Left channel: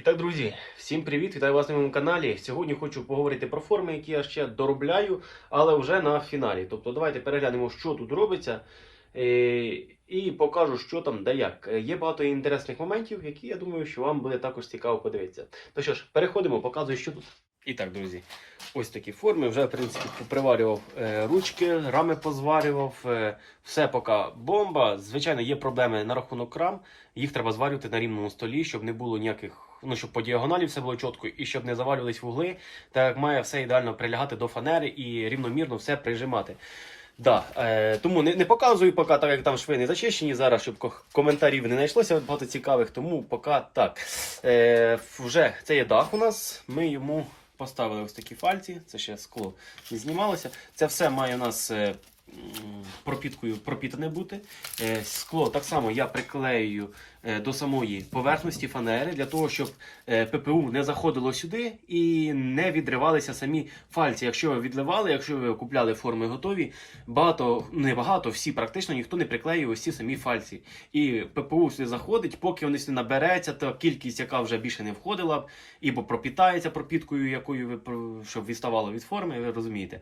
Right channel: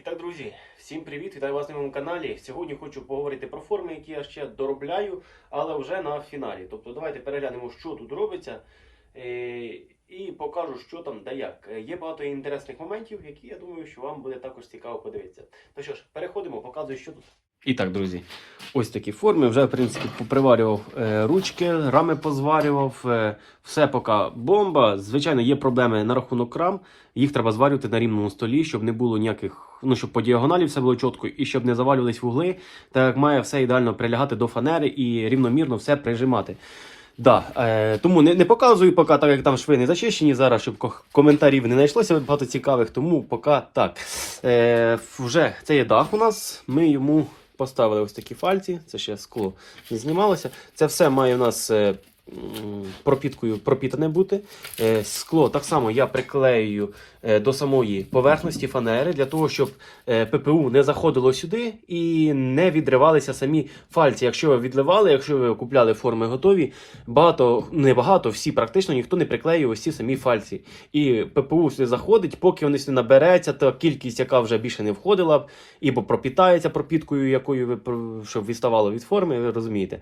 І так, друзі, всім привіт! Вас на моєму каналі. Сьогодні хочу поговорити про форми, які я ще доробляю, але вже на фіналі. Тобто, давайте переглянемо, що тут робиться, і покажу, що там да як. Є багато інтересних моментів, які я думаю, що вам буде також цікаво подивитися. Ну що ж, переходимо, показую, що тут. І так, друзі, ось такі форми. Вже, в принципі, поприварював е, ручки, рами позварював. Е, все поки бомба. Звичайно, є проблеми на рахунок рам. Їх треба зварювати на рівному столі, щоб не було ніяких, ну щоб по діагоналі все було чітко і щоб не завалювались вугли. Так як має все ідеально прилягати до фанери і рівномірно все прижимати. Да, е, тому не, не показую поки, так як там шви не зачищені зараз, щоб коментарів не знайшлося багато цікавих, тому поки так. Е, вже це є дах у нас. Ми йому поставили ось такі фальці, це ще скло не знімалося. Це все має у нас е, пропіткою пропітане бути. Е, скло так само я приклеюю е, до самої поверхності фанери для того, щоб е, ППУ не заходило сюди і не відривалися самі фальці. Якщо ви відливали, якщо ви купляли форми готові, багато, не багато, всі практично ніхто не приклеює ось ці самі фальці. І ППУ сюди заходить, поки вони сюди набереться, та кількість, яка вже більше не входила б, ібо пропітається пропіткою, якою ви щоб відставало від форми, ви розумієте,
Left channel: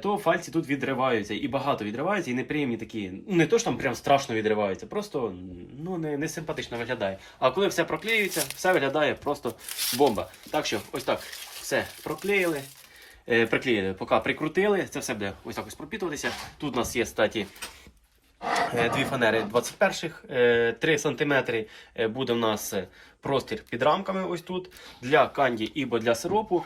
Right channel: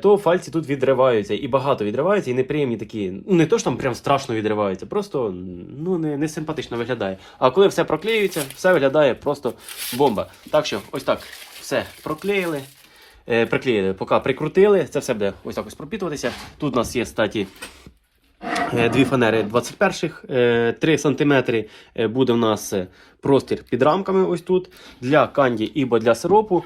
то фальці тут відриваються і багато відриваються, і неприємні такі. Ну не то що там прям страшно відриваються, просто ну не, не симпатично виглядає. А коли все проклеюється, все виглядає просто бомба. Так що, ось так, все проклеїли. Е, приклеїли, поки прикрутили, це все буде ось так ось пропітуватися. Тут у нас є статі е, дві фанери 21-х, е, 3 см буде в нас е, простір під рамками ось тут для канді або для сиропу.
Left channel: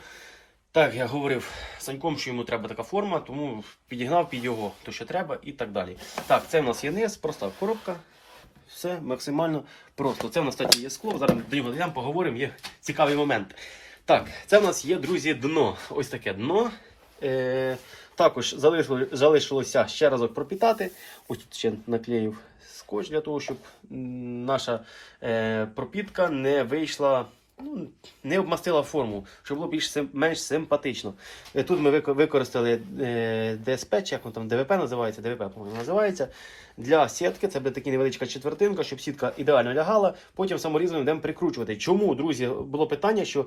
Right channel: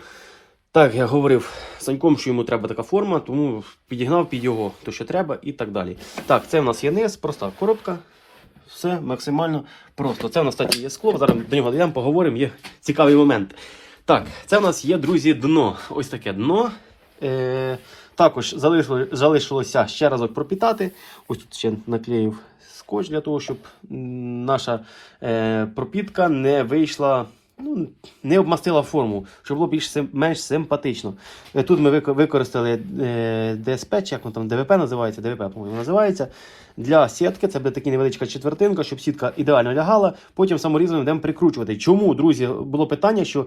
Так, я говорив Саньком, що йому треба така форма, тому підігнав під його то, що треба, і так далі. Так, це в нас є низ, проста коробка. Все максимально просто. Це в нас кстати, є скло. Зараз до нього дійдемо, поговоримо, є цікавий момент. Так, це в нас є, друзі, дно. Ось таке дно. Е, також залишило, залишилося ще разок пропітати. Ось тут ще наклеїв скотч для того, щоб наша е, пропітка не вийшла. Ну, не обмастила форму, щоб було більш менш симпатично. Е, Тут ми використали е, ДСП, чи як воно там ДВП називається, ДВП, по-моєму, називається. Для сітки це буде така невеличка четвертинка, щоб сітка ідеально лягала. Потім саморізом будемо прикручувати. Чому, друзі, було питання, що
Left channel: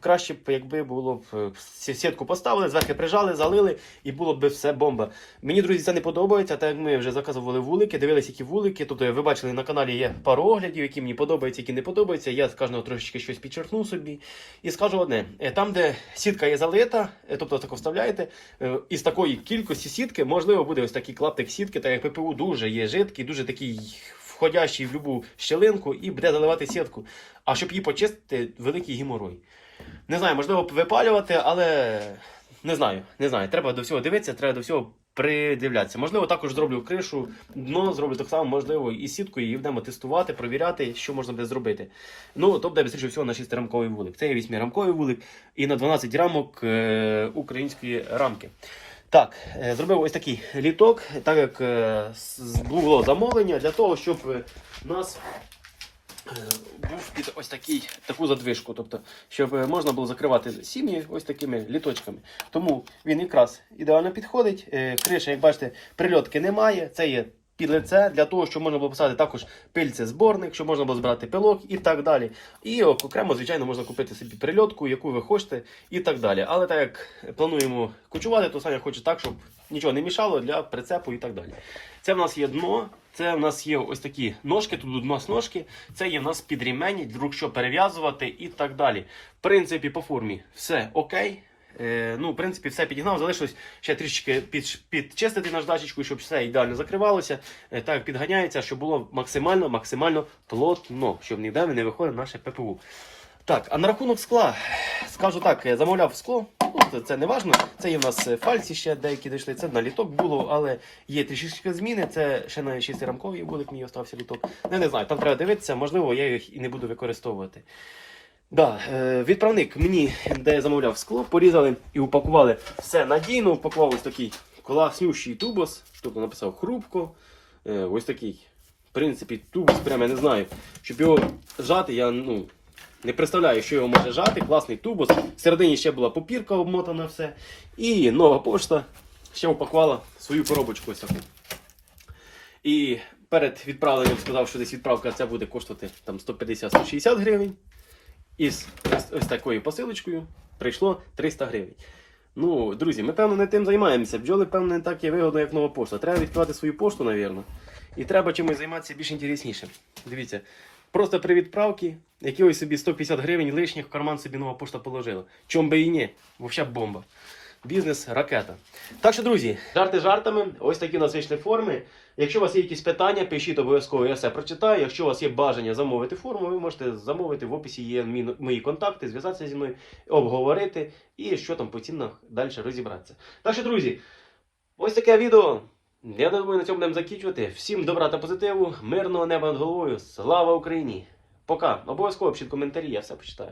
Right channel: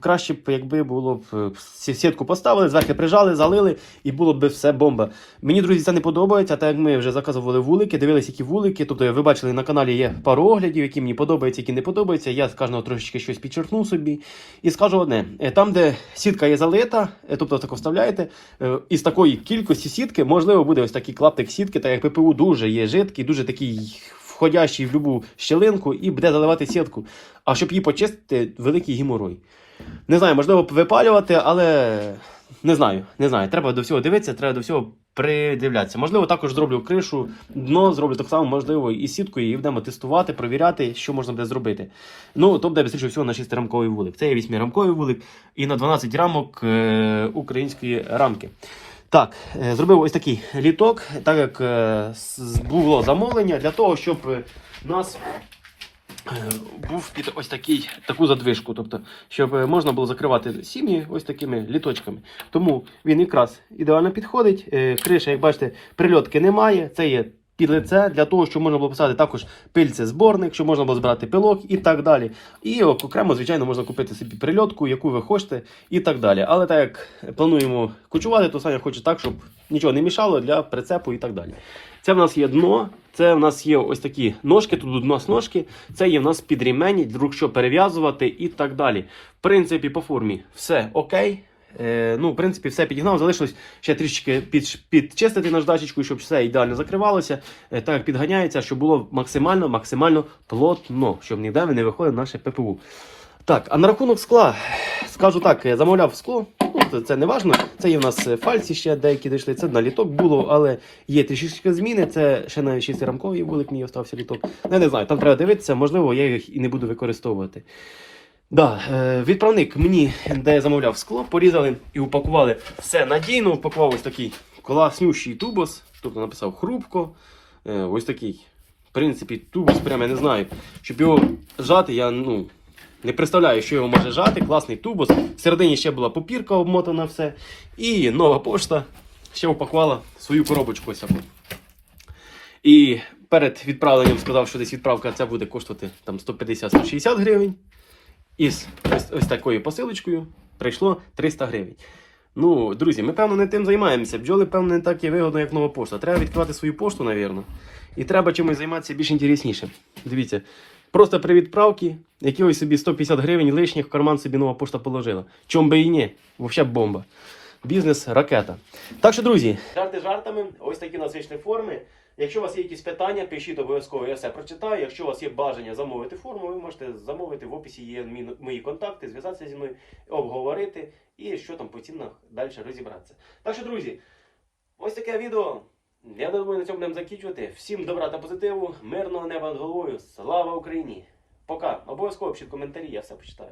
краще б, якби було б е, сітку поставили, зверху прижали, залили, і було б все бомба. Мені, друзі, це не подобається. Так як ми вже заказували вулики, дивилися, які вулики. Тобто, ви бачили на каналі є пару оглядів, які мені подобаються, які не подобаються. Я з кожного трошечки щось підчеркну собі. І скажу одне: е, там, де сітка є залита, е, тобто тако вставляєте, е, із такої кількості сітки, можливо, буде ось такий клаптик сітки, так як ППУ дуже є жидкий, дуже такий. Входящий в любу щелинку і буде заливати сітку. А щоб її почистити, великий геморой. Не знаю, можливо, випалювати, але не знаю, не знаю. Треба до всього дивитися, треба до всього придивлятися. Можливо, також зроблю кришу, дно зроблю так само, можливо, і сіткою, і будемо тестувати, провіряти, що можна буде зробити. Ну, то буде більше всього на 6-рамковий вулик. Це є 8-рамковий вулик і на 12 рамок е, української рамки. Так, е, зробив ось такий літок, так як е, було замовлення для того, щоб нас був під ось такий, таку задвижку, тобто, щоб е, можна було закривати сім'ї ось такими літочками. Тому він якраз ідеально підходить. Е, Криша, як бачите, прильотки немає. Це є під лице для того, щоб можна було писати також пильце зборник, щоб можна було збирати пилок і так далі. І окремо, звичайно, можна купити собі прильотку, яку ви хочете, і так далі. Але так як плануємо кучувати, то Саня хоче так, щоб нічого не мішало для прицепу і так далі. Це в нас є дно, це в нас є ось такі ножки, тут у нас ножки, це є в нас під ремені, вдруг що перев'язувати і так далі. В принципі, по формі все окей. Е, ну, в принципі, все підігнав. Залишилось ще трішки під, підчистити наждачечку, щоб все ідеально закривалося, е, так як підганяється, щоб було максимально максимально плотно, щоб ніде не виходило наше ППУ. Так, а на рахунок скла, скажу так, я замовляв скло, ну, це, не важно. Це є в нас фальці ще деякі дійшли, це на літок було, але є трішки зміни. Це ще на 6-рамковий вулик мій остався літок. Я не знаю, там треба дивитися, можливо, я їх і не буду використовувати. Да, е, відправник мені, де я замовляв скло, порізали і упакували все надійно, упакував ось такий класнющий тубос, тобто написав хрупко. Е, ось такий. В принципі, тубос, прямо я не знаю. Щоб його жати, я ну, не представляю, що його може жати. Класний тубос. Всередині ще була попірка обмотана все. І нова пошта ще упакувала свою коробочку. І перед відправленням сказав, що десь відправка ця буде коштувати там 150-160 гривень. Із ось, ось такою посилочкою прийшло 300 гривень. Ну, друзі, ми певно не тим займаємося. Бджоли, певно, не так є вигодно, як нова пошта. Треба відкривати свою пошту, напевно. І треба чимось займатися більш інтереснішим. Дивіться, просто при відправці якихось собі 150 гривень лишніх в карман собі нова пошта положила. Чом би і ні, взагалі бомба. Бізнес ракета. Так що, друзі, жарти жартами, ось такі у нас вийшли форми. Якщо у вас є якісь питання, пишіть обов'язково, я все прочитаю. Якщо у вас є бажання замовити форму, ви можете замовити. В описі є мої контакти, зв'язатися зі мною, обговорити і що там по цінах далі розібратися. Так що, друзі, ось таке відео. Я думаю, на цьому будемо закінчувати. Всім добра та позитиву, мирного неба над головою. Слава Україні! Пока! Обов'язково пишіть коментарі, я все почитаю.